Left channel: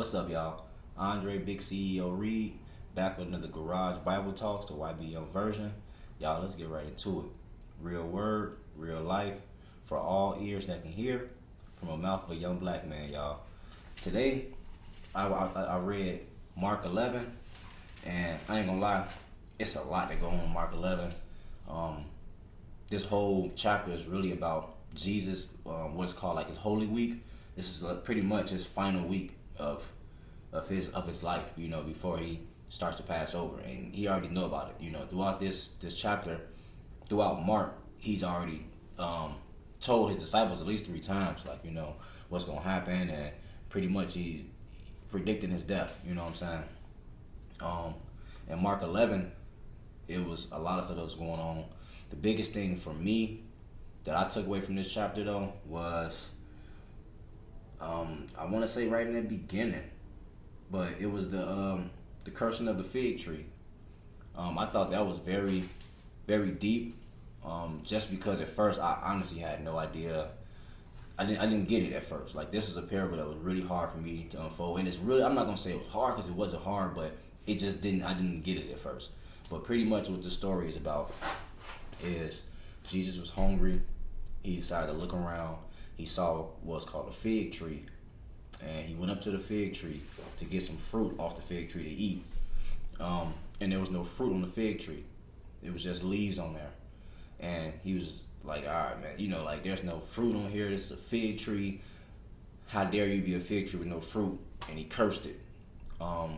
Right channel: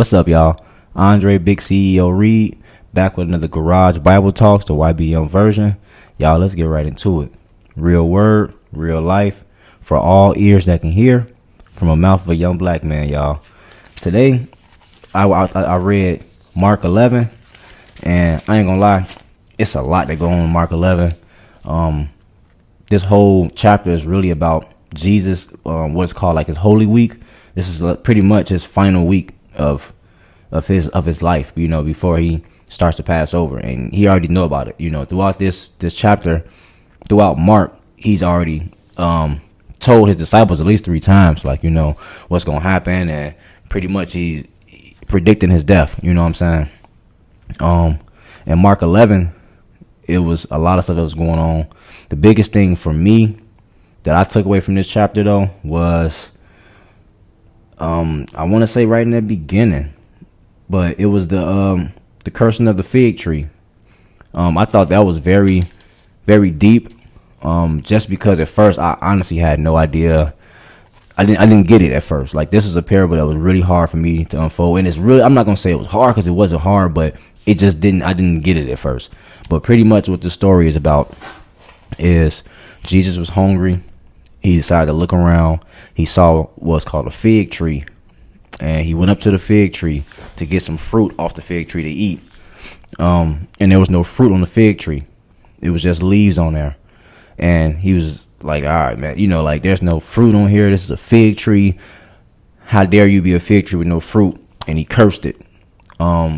What's up, y'all? Andre, Big CEO Reed, back with another Garage Bible Talks, the YBM version. Y'all, let's get right into it. Real word, real life, for all ears that can hear, from a mouth of a young black man, y'all. Today, I read Mark 11, and I ain't gonna lie, it's a lot that go on in Mark 11. This whole chapter is really about Jesus, what's called like his Holy Week. This is pretty much his final week of his life, before he starts to pass over, and he already know about it. Throughout this chapter, throughout Mark, he's already told his disciples at least 3 times, like, what's gonna happen, and pretty much he's predicting his death. You know what I'm saying? In Mark 11, it was a lot of stuff that was going on. The biggest thing for me that I took away from this chapter, though, was I want to say right in the beginning, but it was the cursing of the fig tree. I thought that was very, very deep. Just because at first I honestly had no idea. I didn't get it at first. Like, this is a parable that was really hard for me to unfold, and it's really, I'm not gonna say it was hard because it wasn't hard, but it just didn't. I didn't get it at first. But pretty much what the story is about is Jesus was hungry. He decided to look around. He saw what's called a fig tree, and he went up to the fig tree to get some fruit off the fig tree to eat. And there was no fruit on the fig tree. It was just leaves on there. And he was like, all right, man, like, there's no fruit on here. This is a fig tree. How dare you be a fig tree with no fruit? And he cursed it.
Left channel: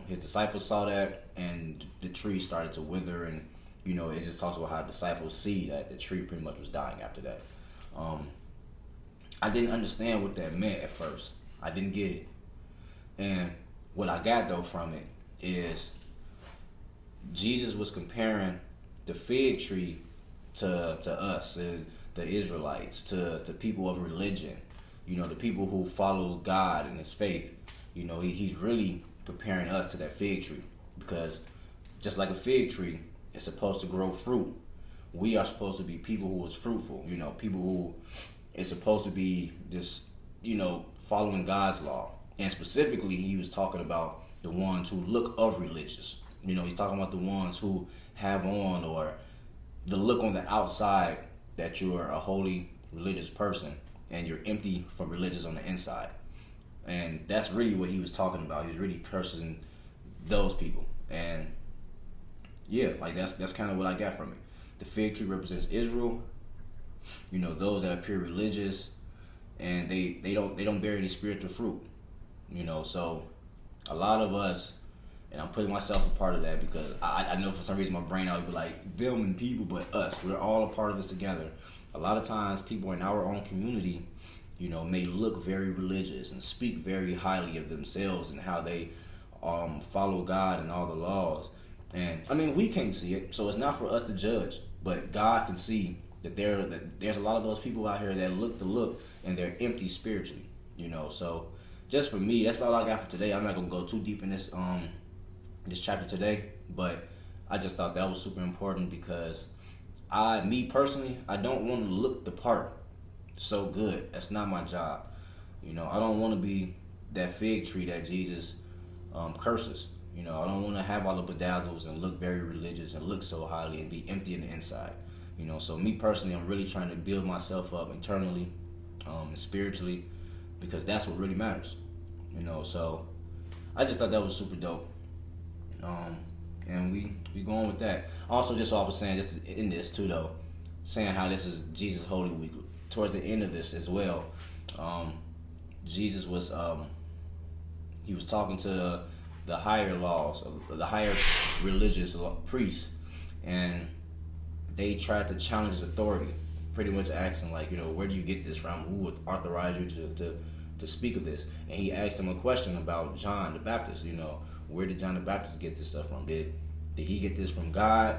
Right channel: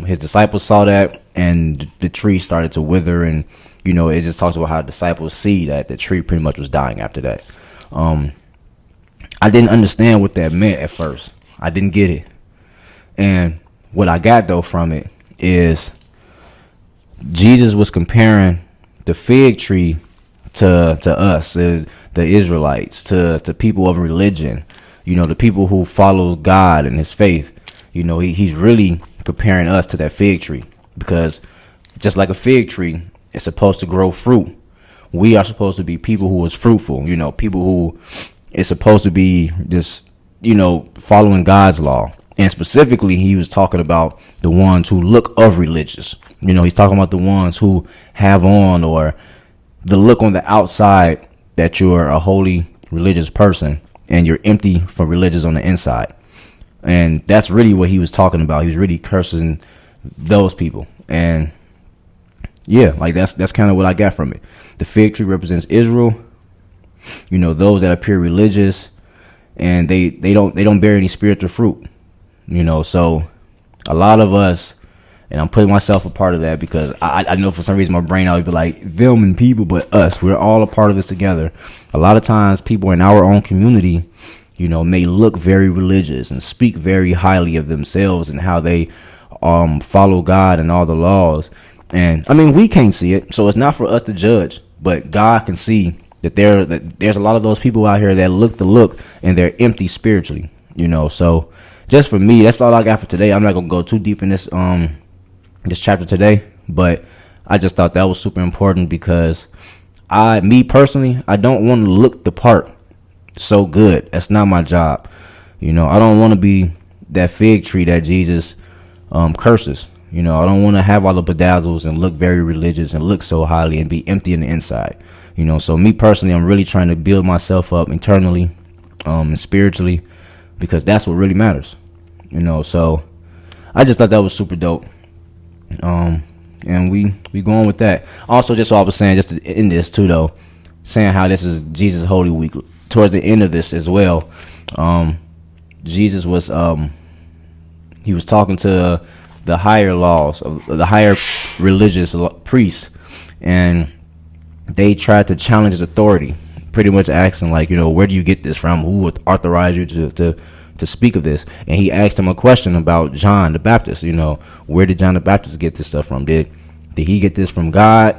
His disciples saw that, and the tree started to wither, and it just talks about how disciples see that the tree pretty much was dying after that. I didn't understand what that meant at first. I didn't get it. And what I got, though, from it is Jesus was comparing the fig tree to us, the Israelites, to people of religion, the people who follow God and his faith. He's really comparing us to that fig tree, because just like a fig tree, it's supposed to grow fruit. We are supposed to be people who is fruitful, people who is supposed to be just, following God's law. And specifically, he was talking about the ones who look of religious. He's talking about the ones who have on, or the look on the outside that you're a holy religious person, and you're empty for religious on the inside. And that's really what he was talking about. He was really cursing those people. And yeah, like, that's kind of what I got from it. The fig tree represents Israel, those that appear religious, and they don't bear any spiritual fruit. So a lot of us, and I'm putting myself a part of that, because I know for some reason my brain always be like them and people, but us, we're all a part of this together. A lot of times people in our own community, may look very religious and speak very highly of themselves and how they follow God and all the laws. And I mean, we can't see it, so it's not for us to judge, but God can see that there's a lot of those people out here that look the look, and they're empty spiritually. So just for me, that's all I got for today. I'm not gonna go too deep in this chapter today, but I just thought that was super important, because me personally, I don't want to look the part so good. That's not my job. I don't want to be that fig tree that Jesus curses. I don't want to have all the bedazzles and look very religious and look so highly and be empty on the inside. So me personally, I'm really trying to build myself up internally and spiritually, because that's what really matters. So I just thought that was super dope. And we going with that. Also, just what I was saying, just to end this too, though, saying how this is Jesus' Holy Week. Towards the end of this as well, Jesus was he was talking to the higher laws, the higher religious priests, and they tried to challenge his authority, pretty much asking, like, where do you get this from? Who would authorize you to speak of this? And he asked him a question about John the Baptist. Where did John the Baptist get this stuff from? Did he get this from God,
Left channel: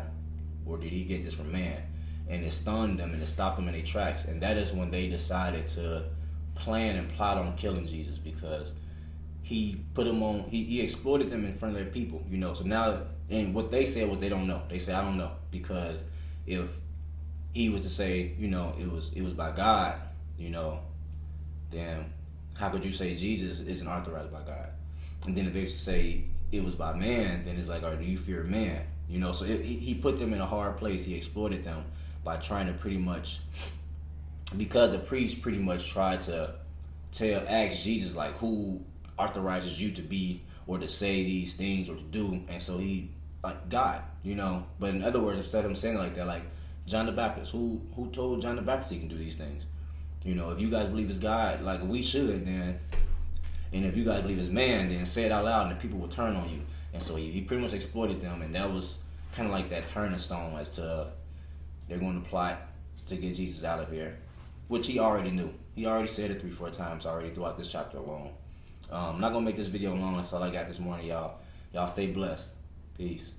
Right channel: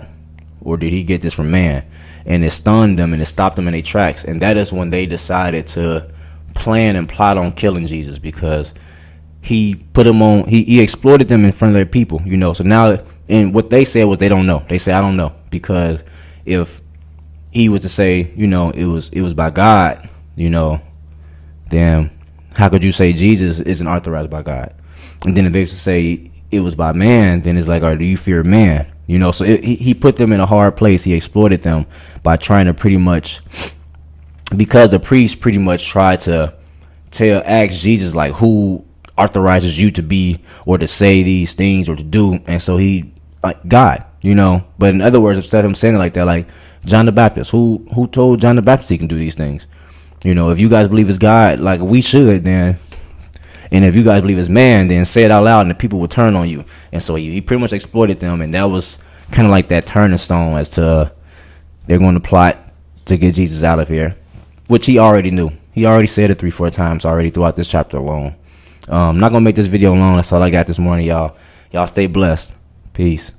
or did he get this from man? And it stunned them, and it stopped them in their tracks. And that is when they decided to plan and plot on killing Jesus, because he put him on. He exploited them in front of their people. So now, and what they said was they don't know. They say, I don't know, because if he was to say, it was by God, then how could you say Jesus isn't authorized by God? And then if they was to say it was by man, then it's like, or do you fear man? You know, so he put them in a hard place. He exploited them by trying to pretty much, because the priest pretty much tried to ask Jesus like who authorizes you to be or to say these things or to do, and so he like God, you know. But in other words, instead of him saying it like that, like John the Baptist, who told John the Baptist he can do these things? You know, if you guys believe it's God, like we should, then, and if you guys believe it's man, then say it out loud, and the people will turn on you. And so he pretty much exploited them, and that was kind of like that turning stone as to they're going to plot to get Jesus out of here, which he already knew. He already said it 3-4 times already throughout this chapter alone. I'm not gonna make this video long. That's all I got this morning, y'all. Y'all stay blessed. Peace.